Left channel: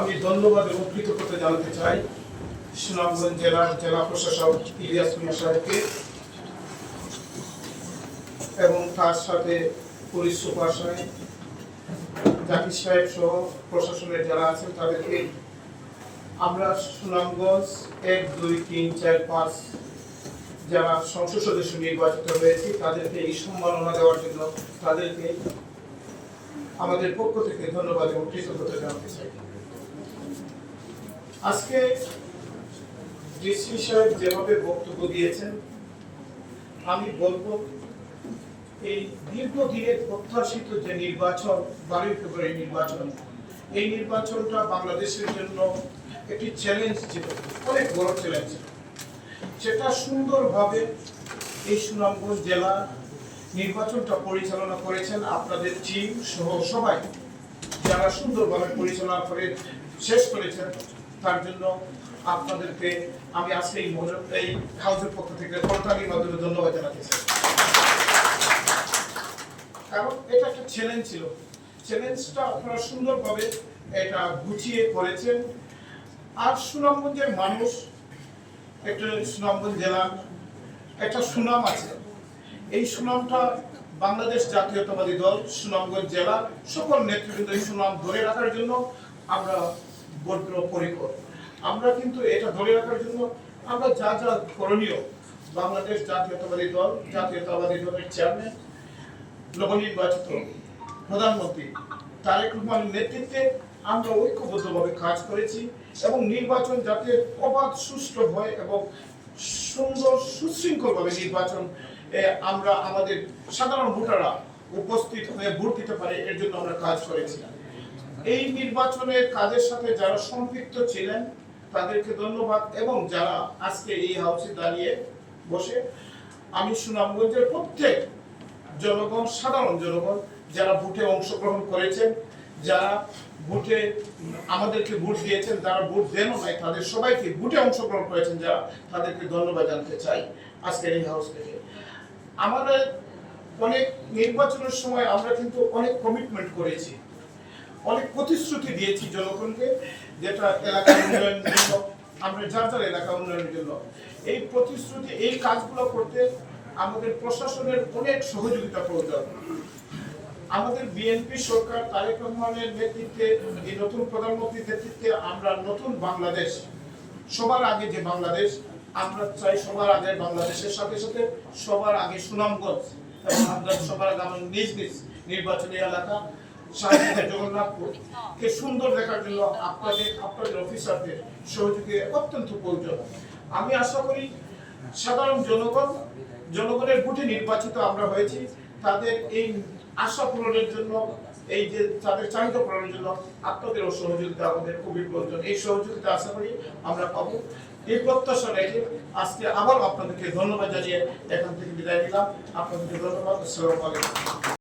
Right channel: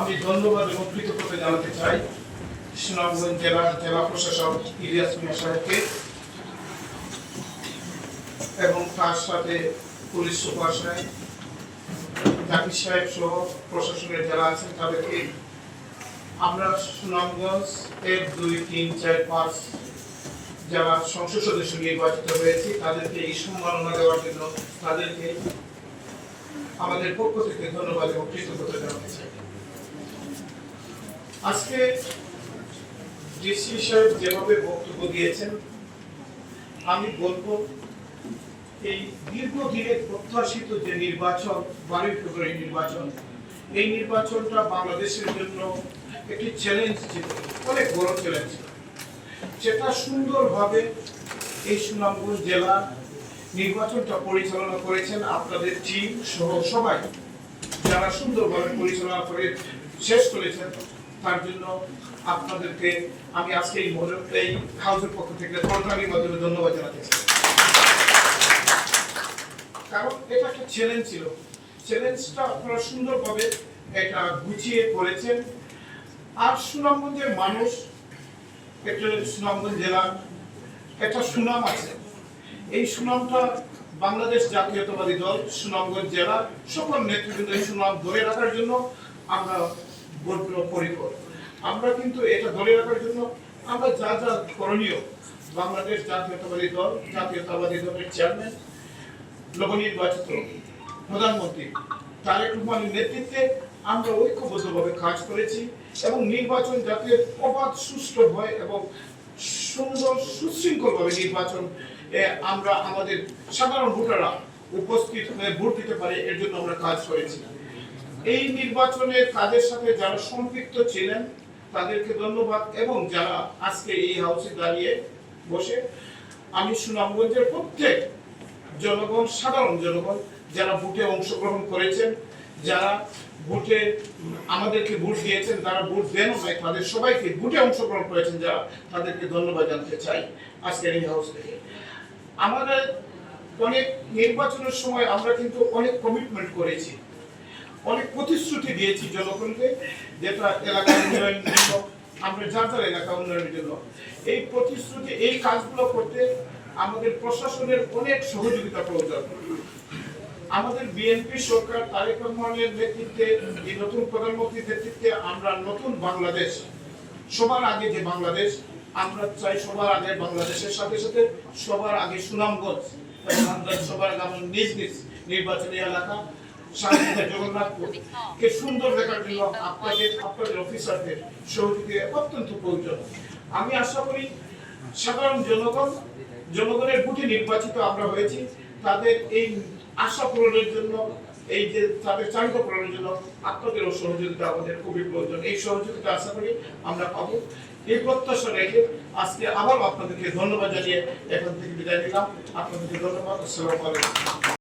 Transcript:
আমি ধন্যবাদ এবং কৃতজ্ঞতা জানাতে চাই সুনামগঞ্জ জেলার জেলা প্রশাসক ইলিয়াস মিয়া সাহেবকে এবং তার সাথে পুলিশ সুপার সাহেব, জাকির সাহেব সহ প্রশাসনের যারা আছেন তাদেরকে। আমরা সুনামগঞ্জ 1, 2, 3, 4, 5 যারা সংসদ সদস্য নির্বাচিত হয়েছি তাদেরকে এই সম্মাননা দেওয়ার জন্য তাদেরকে আমাদের পক্ষ থেকে ধন্যবাদ এবং কৃতজ্ঞতা জানাতে চাই। আজকে ডিসি সাহেব যেভাবে বক্তব্য দিয়েছেন, আমি বলবো এই দীর্ঘদিনের প্রত্যাশিত যে নির্বাচন, 12 ফেব্রুয়ারি নির্বাচন, এই নির্বাচনটা বাংলাদেশের জন্য একটি চ্যালেঞ্জ ছিল, অনেক বড় চ্যালেঞ্জ। সেটা সুন্দরভাবে এই সুনামগঞ্জ জেলা নির্বাচনটা পরিচালনা করেছেন আপনাদের টিম সহ সবাই, যারা সুন্দরভাবে পরিচালনা করে শেষ করেছেন। তার জন্য আপনাদেরকে আমি আজকে এই হাউসের পক্ষ থেকে প্রোগ্রামের মাধ্যমে ধন্যবাদ জানাতে চাই। কারণ এটা একটা চ্যালেঞ্জ ছিল, চ্যালেঞ্জটা আপনারা সুন্দরভাবে এটা গুছিয়ে করেছেন। আর সুনামগঞ্জের মানুষ, একটা সুনামগঞ্জ জেলা একটা সুনাম আছে, এই সুনামটা বাংলাদেশ জাতীয়তাবাদী দল সুনামগঞ্জ জেলা সকল নেতৃবৃন্দের সুনাম ধরে রাখার জন্য আমরা বদ্ধপরিকর। আমরা কিন্তু এটা ধরে রাখার জন্য আমরা যা যা করণীয়, বাংলাদেশ জাতীয়তাবাদী দলের চেয়ারম্যান, নবনির্বাচিত প্রধানমন্ত্রী তারেক রহমানের নেতৃত্বে আমরা ঐক্যবদ্ধভাবে কাজ করেছি এবং নির্বাচন যাতে অবাধ সুষ্ঠু হয় এবং সুন্দর সুশৃঙ্খলভাবে নির্বাচন আমরা আমাদের সাধারণ ভোটাররা উপস্থিত হয়ে ভোট দিতে পারে, এর জন্য আমরা কাজ করেছি। এই নির্বাচনের কাজের সাথে যারা সম্পৃক্ত ছিলেন তাদেরকে ধন্যবাদ, এবং যারা আজকে এই হাউসে দাঁড়িয়ে বসে, আমি সুনামগঞ্জের প্রত্যেক জনগণ, সাধারণ জনগণ যারা ভোটে অংশগ্রহণ করেছেন, যারা ভোটে আমাদেরকে ভোট দিয়েছেন, যারা ভোট দেন নাই তাদের সবাইকে, ভোটে অংশগ্রহণ করেছেন যারা, তাদেরকে ধন্যবাদ জানাতে চাই আজকের এই হাউস থেকে। আমাদের অনেক নির্বাচনের সময় আমরা কিন্তু অনেক কমিটমেন্ট করেছি, অনেক প্রতিশ্রুতি দিয়েছি জনগণকে, যেটা এলাকা উন্নয়নের জন্য, আমরা যার এলাকা উন্নয়নের জন্য এই প্রতিশ্রুতি, এই কাজগুলো করতে আমাদের প্রশাসনের অনেক সহযোগিতা প্রয়োজন। আমাদের বিএনপি সরকার তারেক রহমানের নেতৃত্বে, এই নতুন প্রধানমন্ত্রীর নেতৃত্বে আমরা নতুন বাংলাদেশ, সবার আগে যে বাংলাদেশ আমরা চাই, সবার আগে বাংলাদেশের সাথে সাথে সবার আগে সুনামগঞ্জ, এবং আমরা সবার আগে আমাদের নিজ নিজ নির্বাচনী এলাকা জগন্নাথপুরকে সুন্দর দেখার জন্য আপনাদের অফিসারদের সহযোগিতা অত্যন্ত প্রয়োজন। আমি আশা করি সাধারণ জনগণের ভোটে নির্বাচিত আমরা হয়েছি, তাদের এই আশা পূরণের জন্য, এই যে তাদের চাহিদা পূরণের জন্য আপনাদেরও সহযোগিতা আমাদের খুবই প্রয়োজন। এই সহযোগিতা আশা করি আমরা পাবো। এই প্রত্যাশা রেখে আজকে আবার আপনাদেরকে ধন্যবাদ জানিয়ে এখান থেকে বিদায় নিলাম। আপনাদেরকে ধন্যবাদ। আসসালামু আলাইকুম।